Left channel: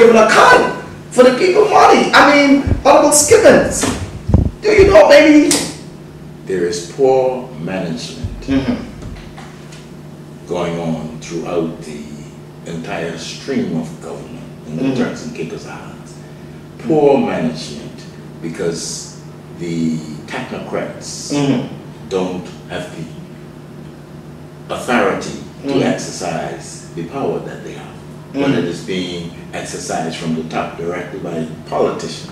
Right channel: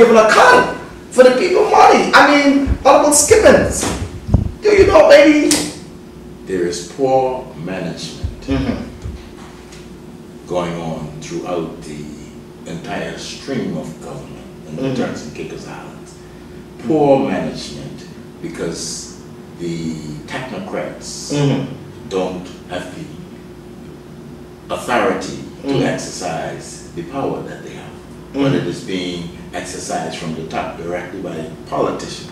giving account for the people money. I mean, Honorable Skippins, do you know, baby? There is poor management going on throughout the entire stream of government in the Turks and Caicos Islands. Poor management because the technocrats don't have the authority to exercise the power that they have, but it is being exercised from the top directly by politicians.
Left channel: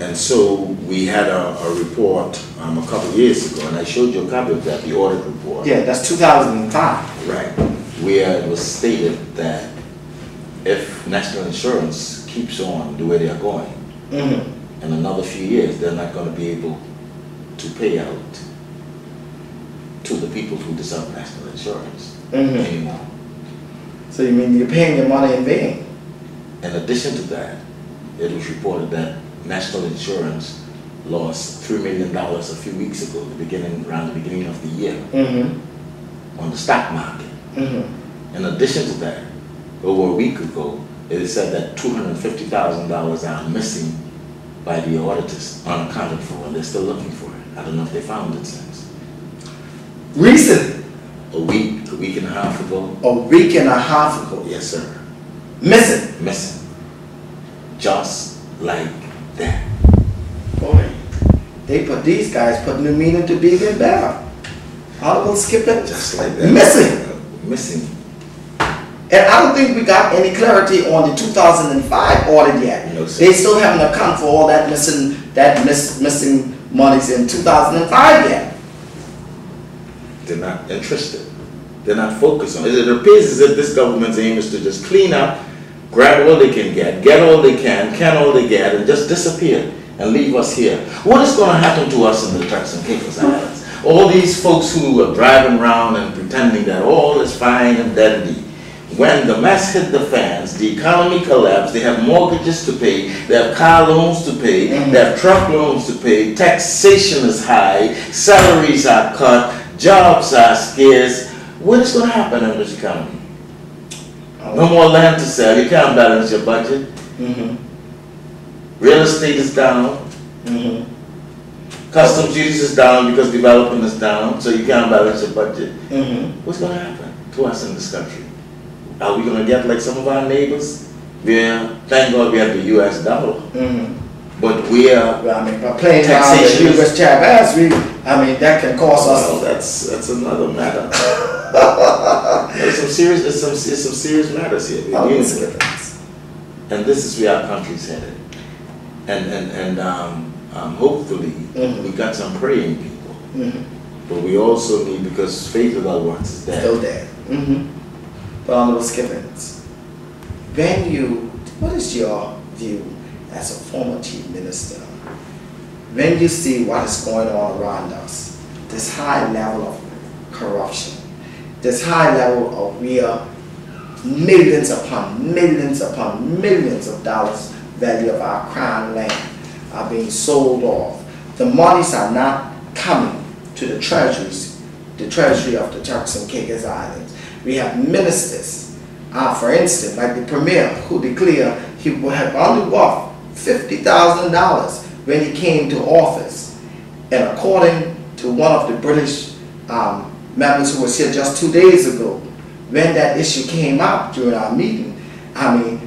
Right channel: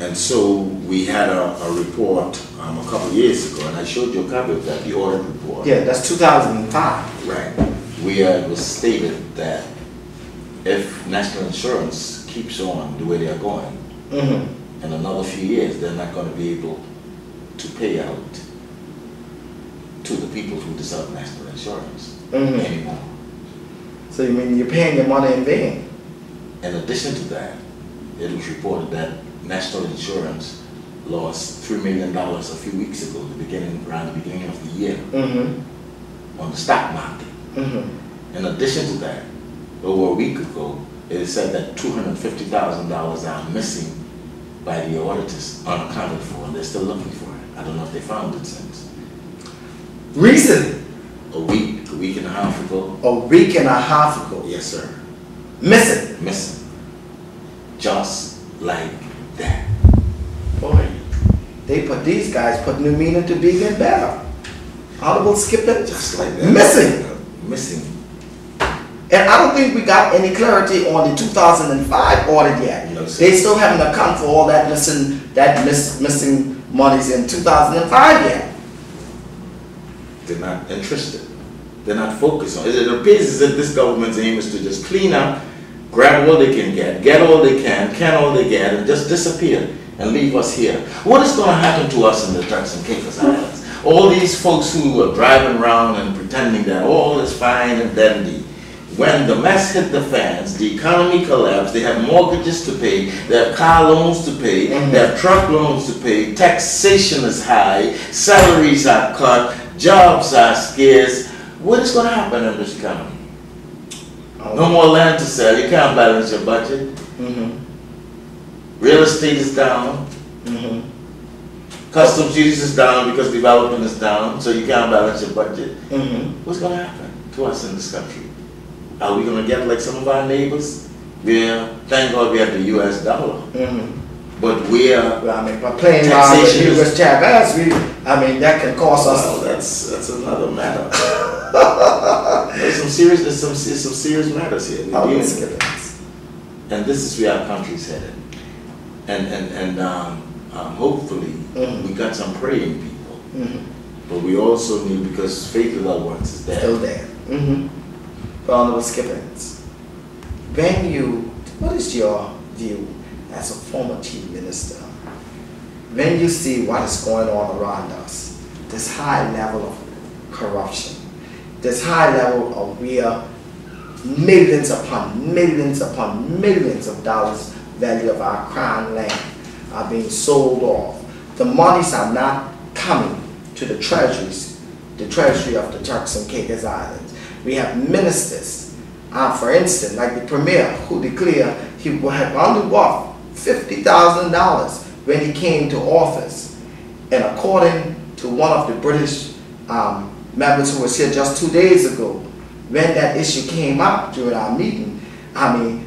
And so we had a report a couple of years ago, and I showed you a copy of that, the audit report. Yeah, that's 2005. Right. Where it was stated that if national insurance keeps on the way they are going, in another few years, they're not going to be able to pay out to the people who deserve national insurance anymore. So you mean you're paying your money in vain? In addition to that, it was reported that national insurance lost $3 million a few weeks ago, around the beginning of the year, on the stock market. In addition to that, over a week ago, it is said that $250,000 are missing by the auditors, unaccounted for, and they're still looking for it. I don't know if they found it since. Recently? A week and a half ago. A week and a half ago? Yes, sir. Missing? Missing. Just like that. Boy, these guys put new meaning to big and better. Audible skipping? Just like that. Missing. Missing. And I don't think we got any clarity on the 2005 audit yet. No, sir. They still haven't accounted for all that missing monies in 2005 yet. They're not interested. They're not focused on it. It appears as if this government's aim is to just clean up, grab all they can get all they can all they get, and just disappear and leave us here. What is going to happen to us in the Turks and Caicos Islands? All these folks who are driving around and pretending that all is fine and dandy. When the mess hit the fans, the economy collapsed, they have mortgages to pay, they have car loans to pay, they have truck loans to pay, taxation is high, salaries are cut, jobs are scarce. What is going to happen in this economy? No more land to sell, you can't balance your budget. Real estate is down. Customs duties is down because development is down, so you can't balance your budget. What's going to happen to us in this country? Are we going to get like some of our neighbors? Thank God we have the US dollar. But we are, well, I mean, by playing down the US Chavez, that can cost us. Well, that's another matter. There's some serious matters here. And this is where our country is headed. And hopefully we got some praying people. But we also need, because faith without works is dead. Still dead. But Honorable Skippins, what is your view as a former chief minister, when you see what is going on around us, this high level of corruption, this high level of where millions upon millions of dollars value of our crown land are being sold off. The monies are not coming to the treasuries, the treasury of the Turks and Caicos Islands. We have ministers, for instance, like the premier, who declared he had only worth $50,000 when he came to office. And according to one of the British members who was here just 2 days ago, when that issue came up during our meeting,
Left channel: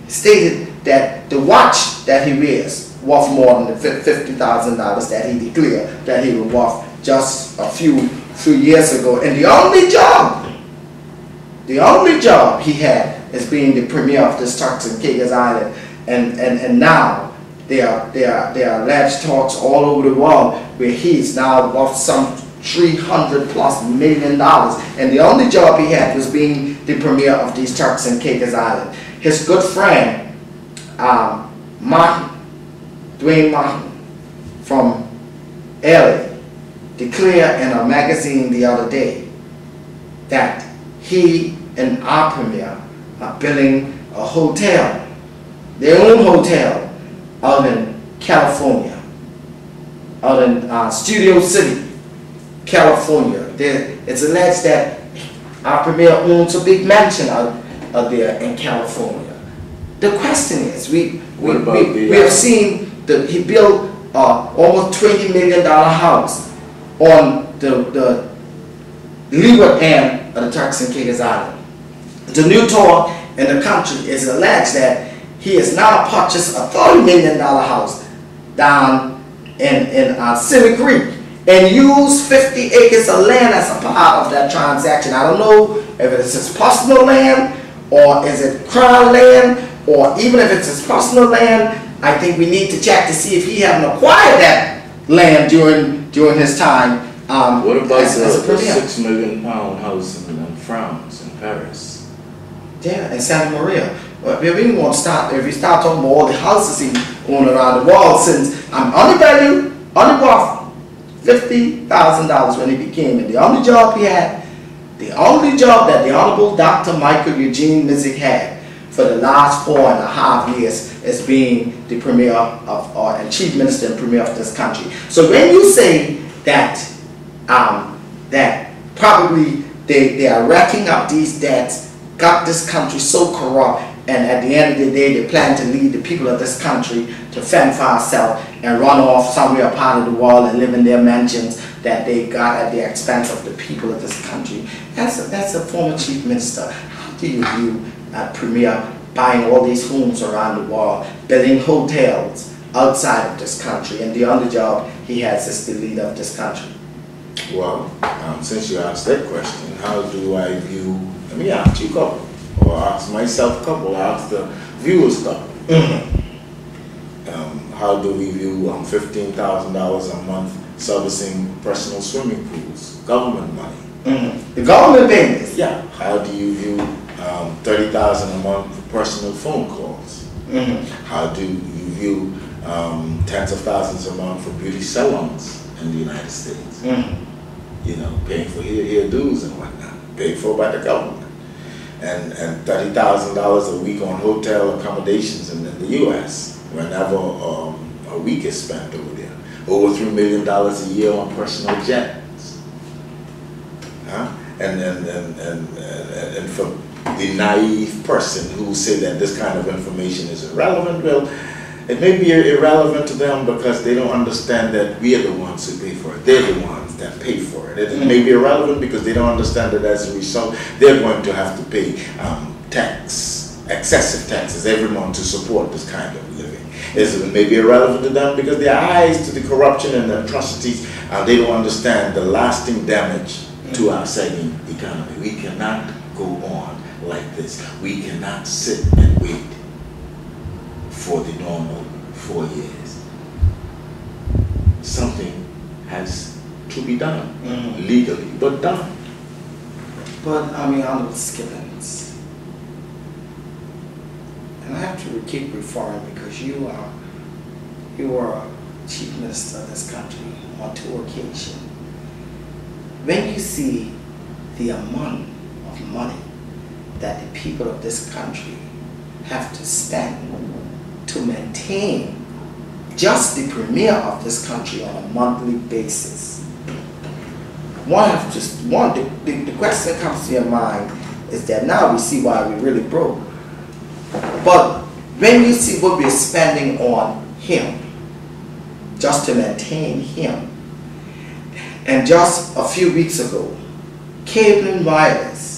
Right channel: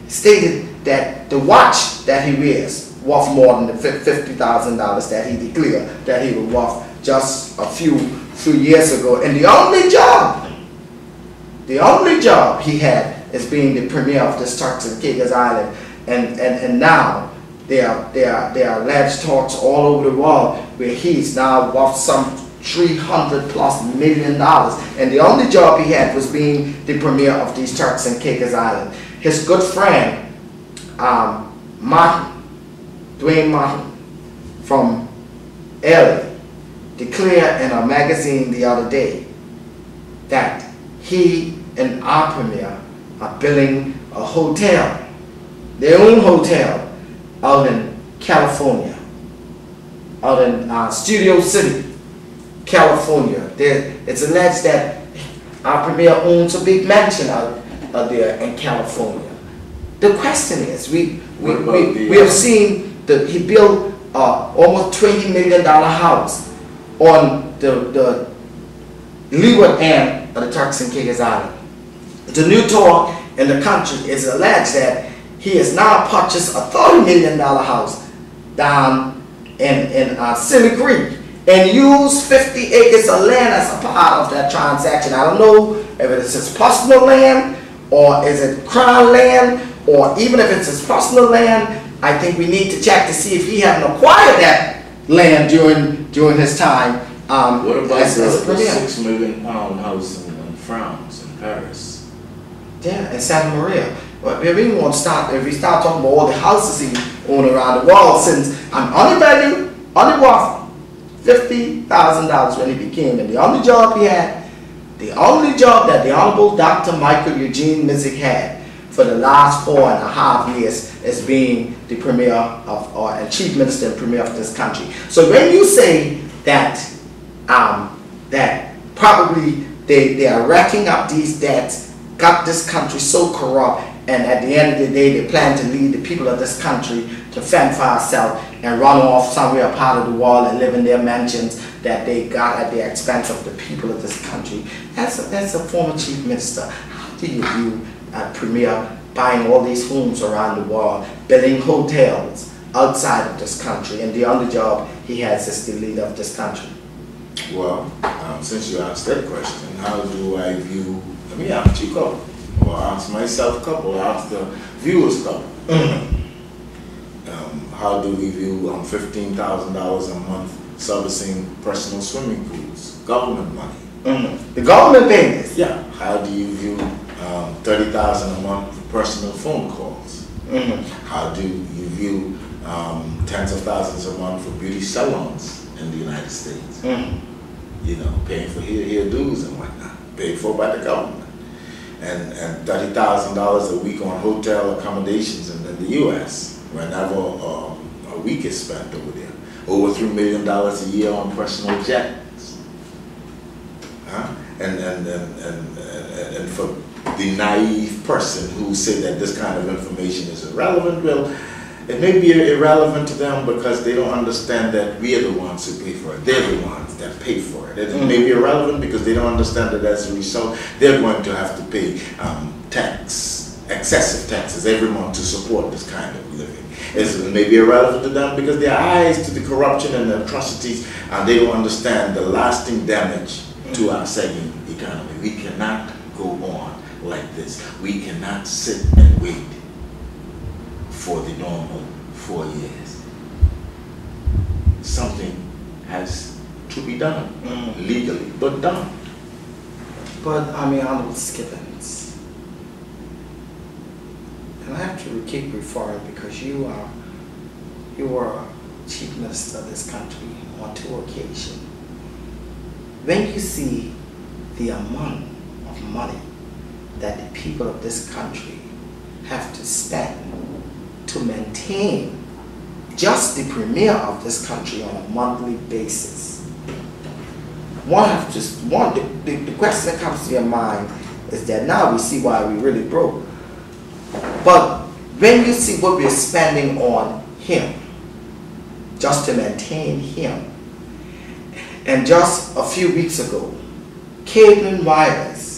stated that the watch that he wears worth more than the $50,000 that he declared that he was worth just a few years ago. And the only job he had is being the premier of this Turks and Caicos Island. And now there are alleged talks all over the world where he's now worth some $300+ million. And the only job he had was being the premier of these Turks and Caicos Islands. His good friend, Dwayne Martin from LA, declared in a magazine the other day that he and our premier are building a hotel, their own hotel, out in California, out in Studio City, California. It's alleged that our premier owns a big mansion out there in California. the question is, we about have seen that he built almost $20 million house on the leeward end of the Turks and Caicos Island. The new talk in the country is alleged that he has now purchased a $30 million house down in Silver Creek and used 50 acres of land as a part of that transaction. I don't know if it's his personal land or is it crown land, or even if it's his personal land. I think we need to check to see if he hadn't acquired that land during his time. What about as a the premier. £6 million house in France, in Paris? Yeah, in Santa Maria. Well, if we start talking about all the houses he owned around the world, since I'm only worth $50,000 when he became, and the only job he had, the only job that the Honorable Dr. Michael Eugene Mizik had for the last 4.5 years is being the premier of, and chief minister and premier of this country. So when you say that that probably they are racking up these debts, got this country so corrupt, and at the end of the day they plan to lead the people of this country to fend for ourselves and run off somewhere part of the world and live in their mansions that they got at the expense of the people of this country. That's a former chief minister. How do you view a premier buying all these homes around the world, building hotels outside of this country, and the only job he has is the leader of this country? Well, since you asked that question, how do I view, let me ask you a couple, or ask myself a couple, or ask the viewers a couple. How do we view $15,000 a month servicing personal swimming pools, government money? The government paying this? Yeah. How do you view $30,000 a month for personal phone calls? How do you view tens of thousands a month for beauty salons in the United States? You know, paying for hair dues and whatnot, paid for by the government. And $30,000 a week on hotel accommodations in the U.S. whenever a week is spent over there. Over $3 million a year on personal jets. And for the naive person who say that this kind of information is irrelevant, well, it may be irrelevant to them because they don't understand that we are the ones who pay for it. They're the ones that pay for it. It may be irrelevant because they don't understand that as a result, they're going to have to pay excessive taxes every month to support this kind of living. It may be irrelevant to them because their eyes to the corruption and the atrocities, they don't understand the lasting damage to our sagging economy. We cannot go on like this. We cannot sit and wait for the normal 4 years. Something has to be done, legally, but done. But I mean, Honorable Skippins, and I have to keep referring because you are chief minister of this country on 2 occasions. When you see the amount of money that the people of this country have to spend to maintain just the premier of this country on a monthly basis, the question that comes to your mind is that now we see why we really broke. But when you see what we're spending on him, just to maintain him, and just a few weeks ago, Cable and Wireless